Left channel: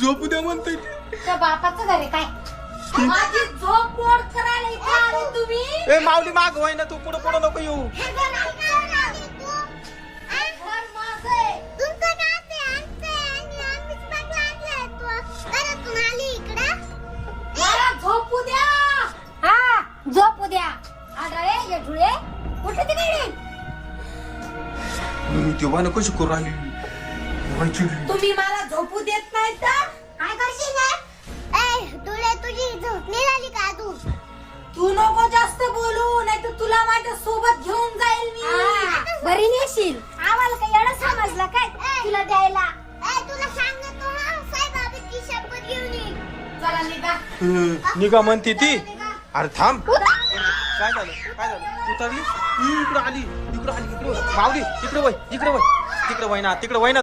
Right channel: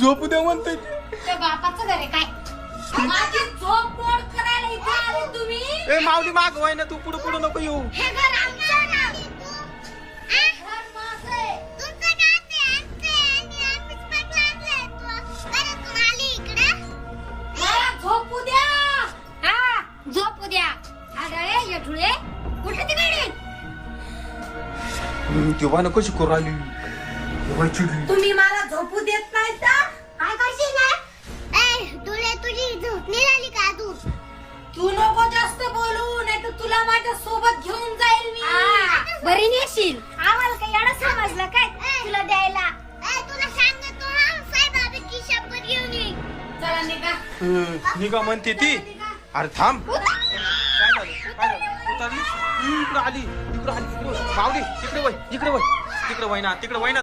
झोपू द्या म्हणताय त्या बापाचं घर आहे काय? माझी झोप मोड करायला इथे आले तुम्ही. ए माऊली माग होय ना, तू पुढे पुढे नको येऊ. हे घर आमचं ना. घर माझं आहे. तुमचं काय ते आमचं आणि आम्हीच बघायला तू परत आली इकडं. मला झोपू द्या. हा झोपू द्या. आडळे येठुळे कुठे तिकडे? तेव्हा नको करू राहिली चिडली. तुम्ही मला झोपू देत नाही तर काय करशील ना? ए तुला तुझी झोप नाही आली का अजून? तू नको जास्त बोलू, नाही तर तुला माझ्या सोबत घेऊन जाईल मी. बरी नेशील. आम्हाला काही एवढं समजलं काय तुला द्यायला? तुला सांगतो हा साईबाबाची शपथ घेऊन ये. चला निघा. निघा म्हणते ती. निघा. अरे थांब. काय झालं काय झालं? उतरली इकडे आली इकडे आली इकडे माऊली इकडे वय तिकडे वय ना तिकडे वय ना.